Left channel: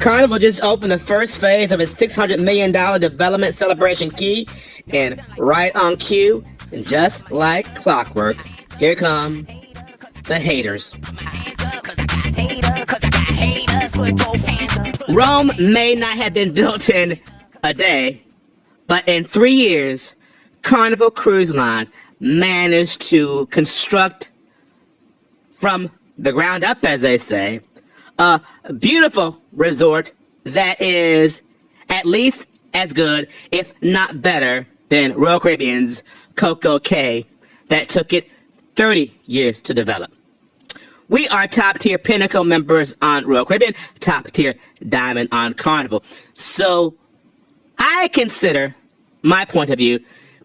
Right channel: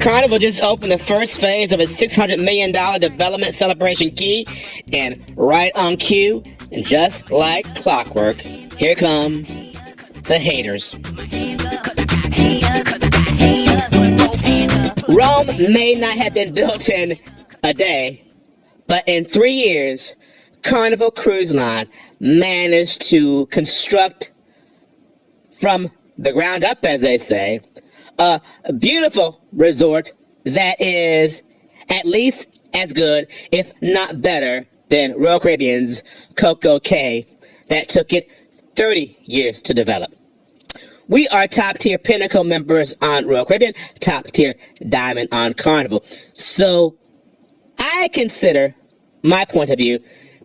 Carnival just opened the first phase of its $600 million development celebration key, and right on cue, just like clockwork, here come the haters. Rome may not have been built in a day, but in 3 years, Carnival Cruise Line managed to construct from the ground up, as they say, a beautiful resort that is at least as good, if not better, than Royal Caribbean's Coco Cay that took it 30 years to develop. We are top-tier Pinnacle members on Royal Caribbean, top-tier Diamond on Carnival. So I consider my point of view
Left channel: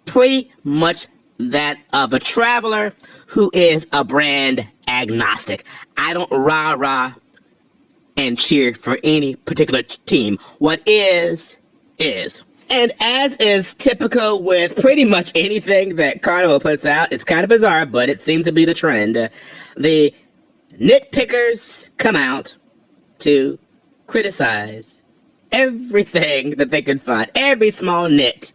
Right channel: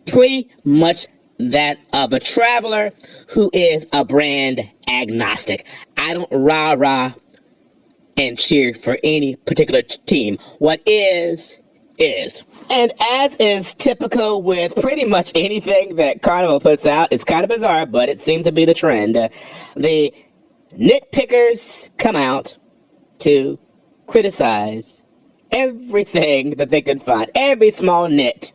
pretty much that of a traveler who is a brand agnostic. I don't rah-rah and cheer for any particular team. What is. And as is typical with pretty much anything that Carnival puts out, it's kind of bizarre, but it seems to be the trend. The nitpickers come out to criticize everything that they can find, every small nit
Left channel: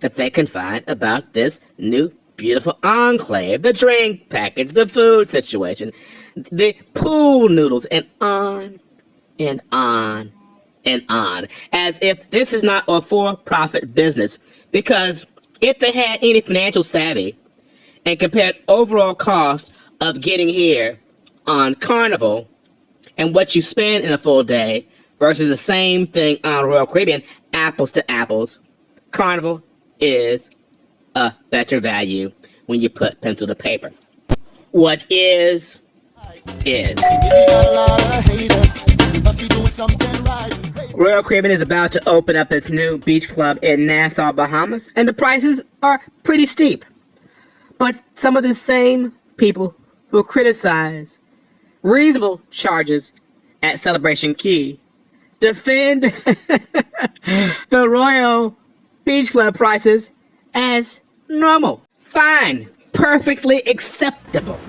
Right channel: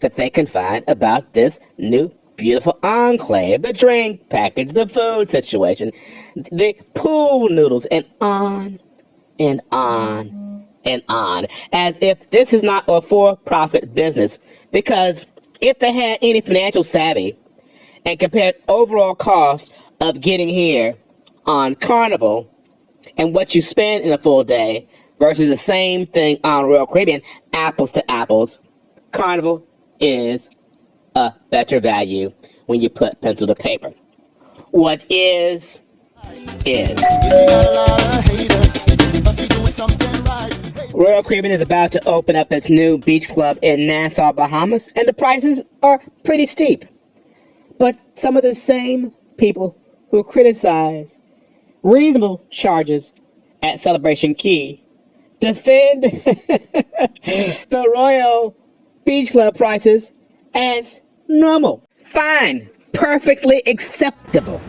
that they can find about this new beautiful enclave, the drink package, the food situation, the pool noodles, and on and on and on, as if this is not a for-profit business. Because if they had any financial savvy and compared overall cost of getting here on Carnival and what you spend in a full day versus the same thing on Royal Caribbean, apples to apples, Carnival is a better value when you put pencil to paper. What is. Royal Caribbean is about to open up its new beach club in Nassau, Bahamas, and the prices are pretty steep. But some of the same people who criticize reasonable charges at Celebration Key defend the Royal Beach Club prices as normal. Fine. Perfectly acceptable.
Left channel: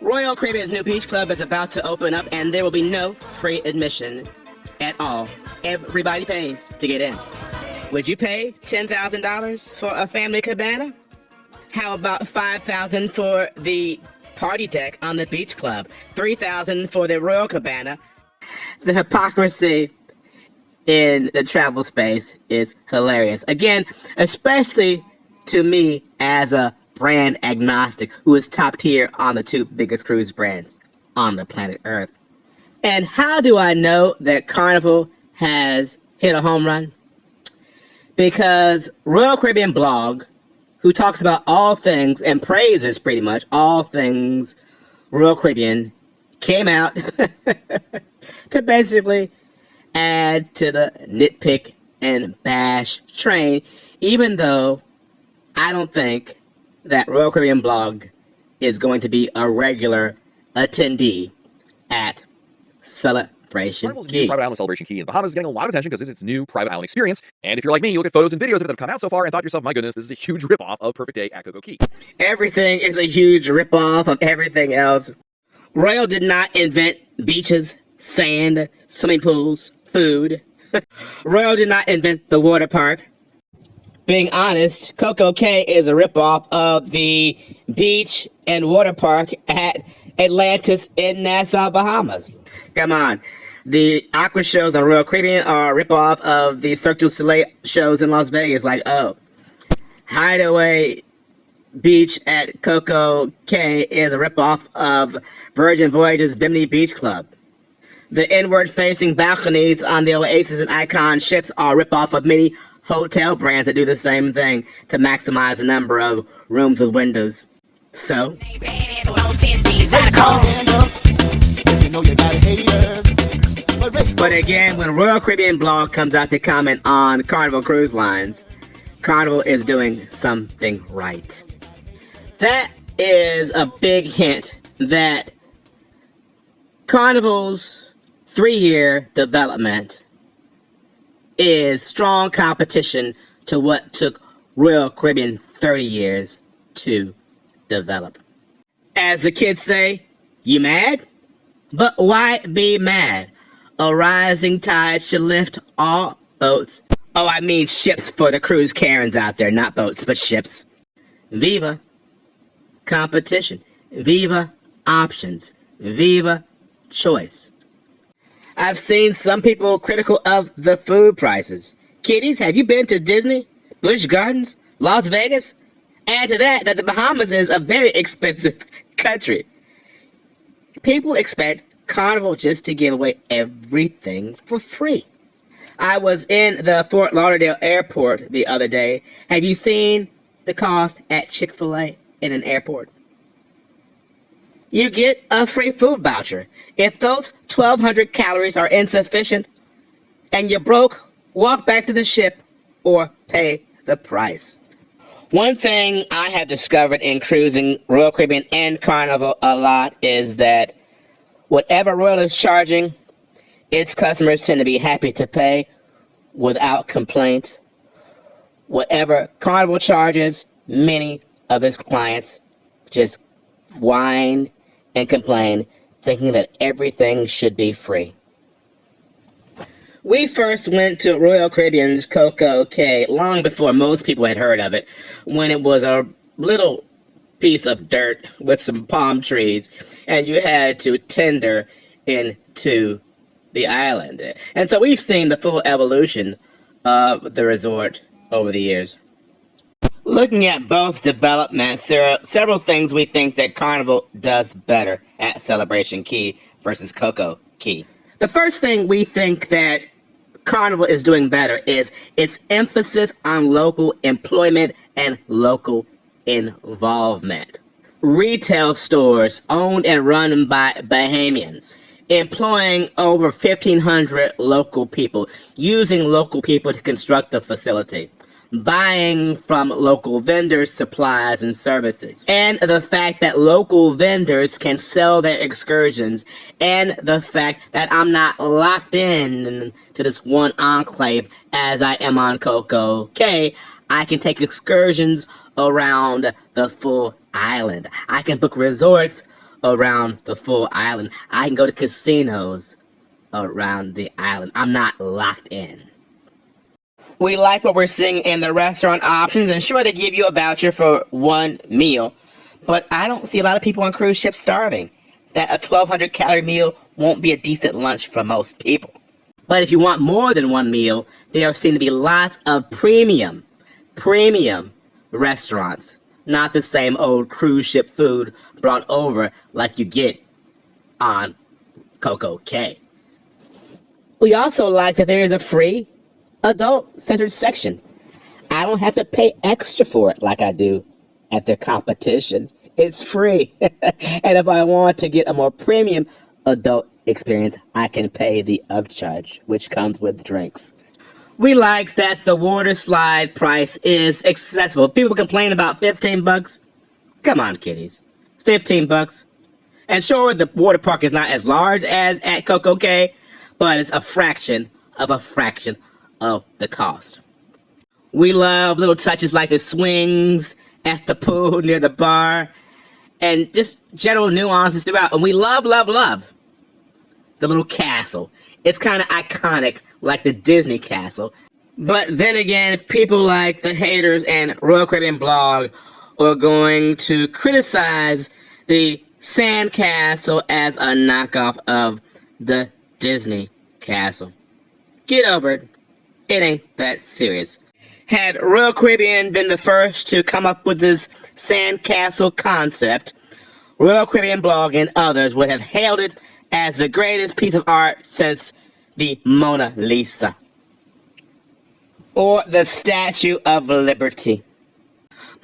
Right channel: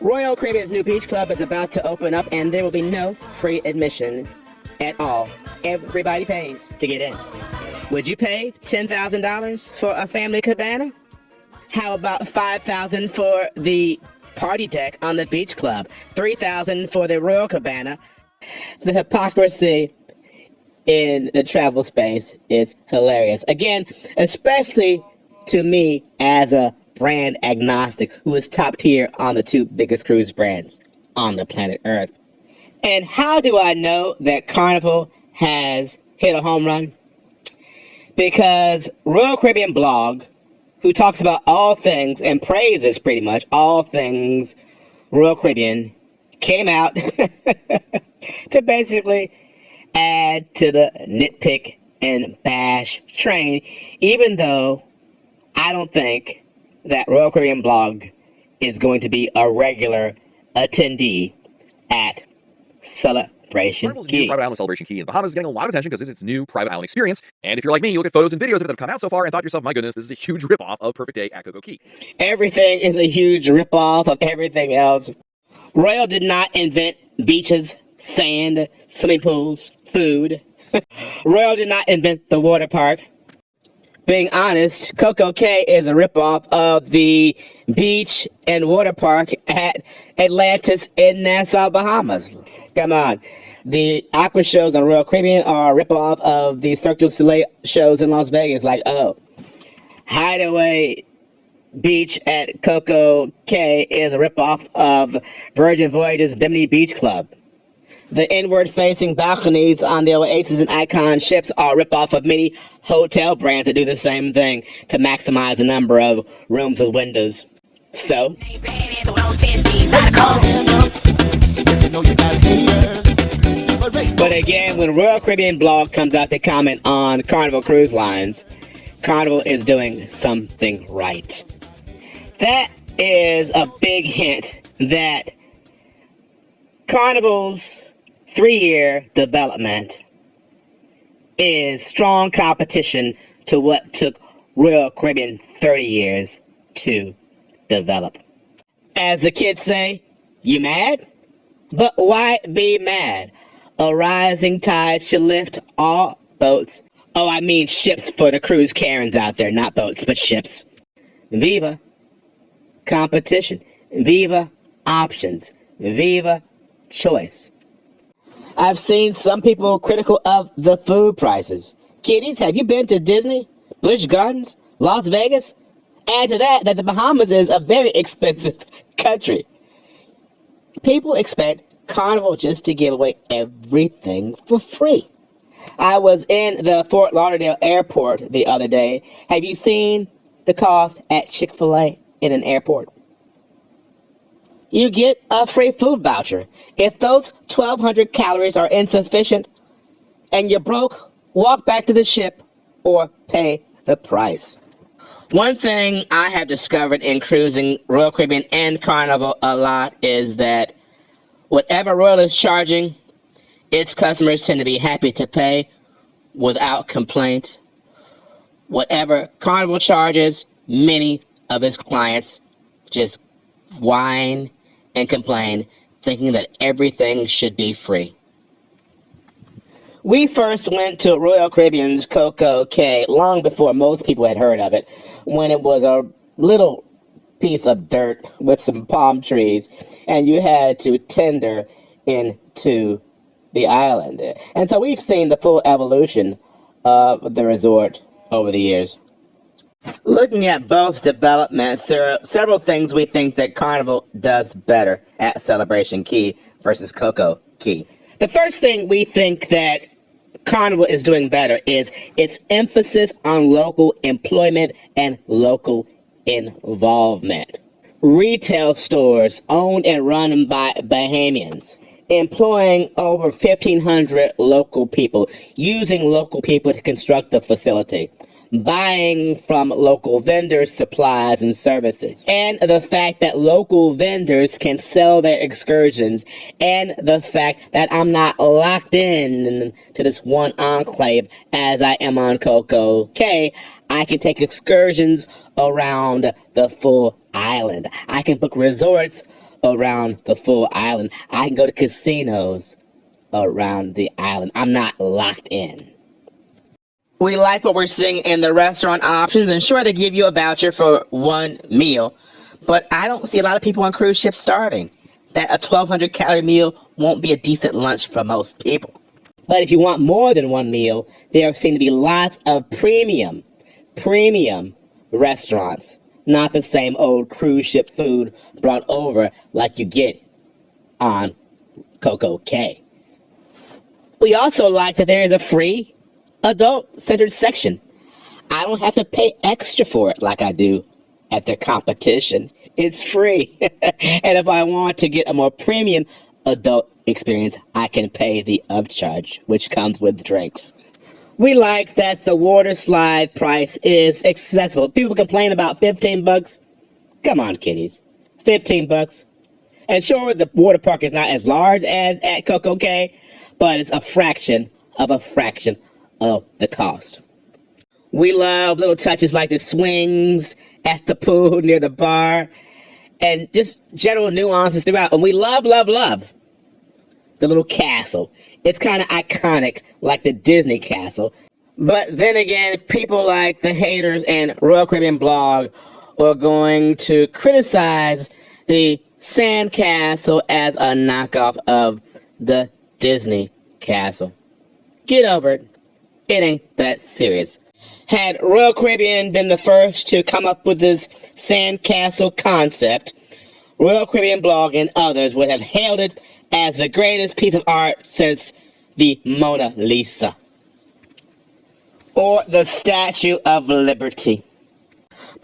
Royal Caribbean's new beach club is about to open up, and there will be no free admission at all. Everybody pays to get in. Would you pay $10,000 for a family cabana? How about $5,000 for the party deck on the beach club? $3,000 for the Royal Cabana? The hypocrisy in the travel space is hilarious. Again, especially to me as a brand agnostic who is top tier on the two biggest cruise brands on the planet Earth. And how do I know that Carnival has hit a home run? Because Royal Caribbean Blog, who talks about all things and praises pretty much all things Royal Caribbean, came out to basically add to the nitpick and bash train, even though I don't think that Royal Caribbean Blog is going to be a regular attendee at Celebration Carnival's Key. new private island Celebration Key in Bahamas is getting a lot of attention because it's its new private island experience. And if you're like me, you look at photos and videos of it that have come out so far and thought to yourself, my goodness, this is a huge ripoff of Perfect Day at Coco Cay. Everything is a huge ripoff of everything else. Royal did not invent beaches, sand, swimming pools, food. Royal did not invent the water park. Being honest, Coco Cay is a ripoff of the beach and water park at Atlantis in Nassau, Bahamas. Come on. The aqua shows on Royal Caribbean are a ripoff of the Cirque du Soleil shows in Las Vegas. Like, oh, Hideaway Beach at Coco Cay is a ripoff of Virgin Voyages Bimini Beach Club. The inward-facing balconies on the Oasis and Icon ships are a ripoff of many hotel brands that do the same thing to maximize the number of rooms with windows. So, but again, when Royal Caribbean Blog comes out to comment on Carnival Cruise Lines, Carnival is doing something right. That is a big hint that Carnival's 3-year development is strong competition to what took Royal Caribbean 30 years to develop. As the kids say, you mad? But why be mad? A rising tide should lift all boats. Oh, I mean ships for the cruise Karens out there, not boats, but ships. Viva competition. Viva options. Viva choice. I've seen some people critical of the food prices. Kiddies, have you been to Disney, Busch Gardens, Las Vegas? Add to that the Bahamas is a very expensive country. People expect Carnival just to give away everything for free. I was in the Fort Lauderdale airport the other day. Have you seen the cost at Chick-fil-A in an airport? You get a free food voucher. If those 1,200 calories are insufficient and you're broke, walk back to the ship or pay the price. One thing I have discovered in cruising Royal Caribbean and Carnival a lot is that whatever Royal is charging, its customers tend to be happy to pay without complaint. Whatever Carnival charges, many of its clients just whine and complain, thinking that everything should be free. We first went to Royal Caribbean's Coco Cay long before most people had heard of it, when it was a little piece of dirt with some palm trees, and you had to tender into the island. And so we've seen the full evolution of the resort over the years. Looking at both developments, there are several things we think that Carnival does better at Celebration Key versus Coco Cay. The first thing we think that Carnival is doing better is its emphasis on local employment and local involvement. Retail stores owned and run by Bahamians, employing over 1,500 local people, using local people to construct the facility, buying from local vendors supplies and services, and the fact that local vendors can sell their excursions, and the fact that I'm not locked in to this one enclave as I am on Coco Cay. I can take excursions around the full island. I can book resorts around the full island. I can go to casinos around the island. I'm not locked in. We like what we're seeing in the restaurant options, and sure, they give you a voucher for one meal, but I don't see a lot of people on cruise ships starving. That a 1,200 calorie meal won't be a decent lunch for most people. But if you want more than one meal, there seem to be lots of premium restaurants, not the same old cruise ship food brought over like you get on Coco Cay. We also like that there is a free adult-centered section. I don't have to pay extra for it like I do at their competition. It's free. And if I want to get a more premium adult experience, I can pay the upcharge, which comes with drinks. We like that the water slide price is accessible. People complain about $15. Come on, kiddies. $15. And sure, the water park is not as large as at Coco Cay, but it's a fraction of the cost. We love little touches like the swings at the pool near the bar and just general nuances throughout. And we love the little castle. It's kind of iconic like the Disney castle. But then again, people like the haters and Royal Caribbean blog are going to criticize the sand castle as a knockoff of the Disney castle. Get over it. It ain't that serious. Had Royal Caribbean been the first to come up with this sandcastle concept, Royal Caribbean blog and others would have hailed it as the greatest piece of art since the Mona Lisa or the Statue of Liberty.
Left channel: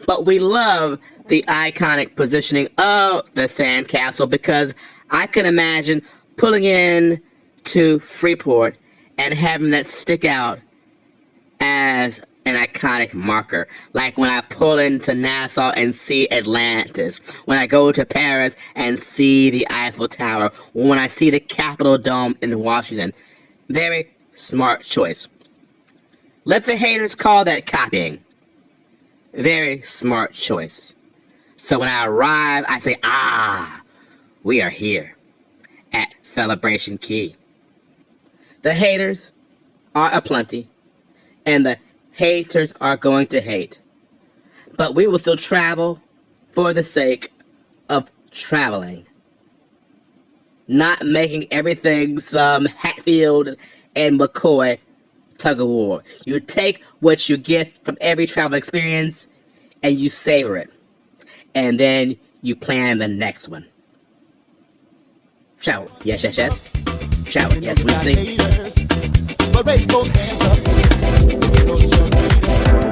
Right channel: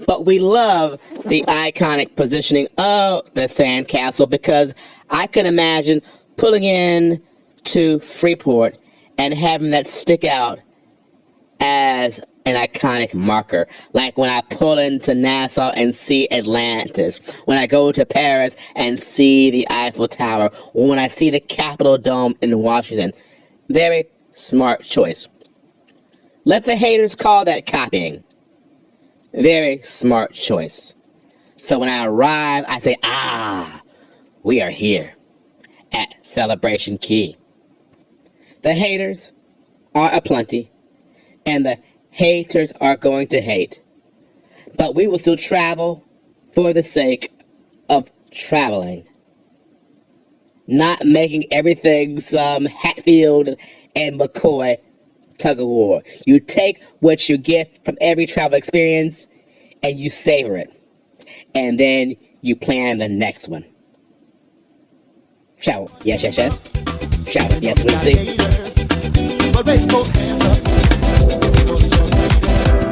But we love the iconic positioning of the sandcastle because I can imagine pulling in to Freeport and having that stick out as an iconic marker. Like when I pull into Nassau and see Atlantis, when I go to Paris and see the Eiffel Tower, or when I see the Capitol Dome in Washington. Very smart choice. Let the haters call that copying. Very smart choice. So when I arrive, I say, we are here at Celebration Key. The haters are aplenty, and the haters are going to hate. But we will still travel for the sake of traveling. Not making everything some Hatfield and McCoy tug of war. You take what you get from every travel experience and you savor it. And then you plan the next one. Travel. Yes, yes, yes. Travel. Yes, we see. But raise both hands up.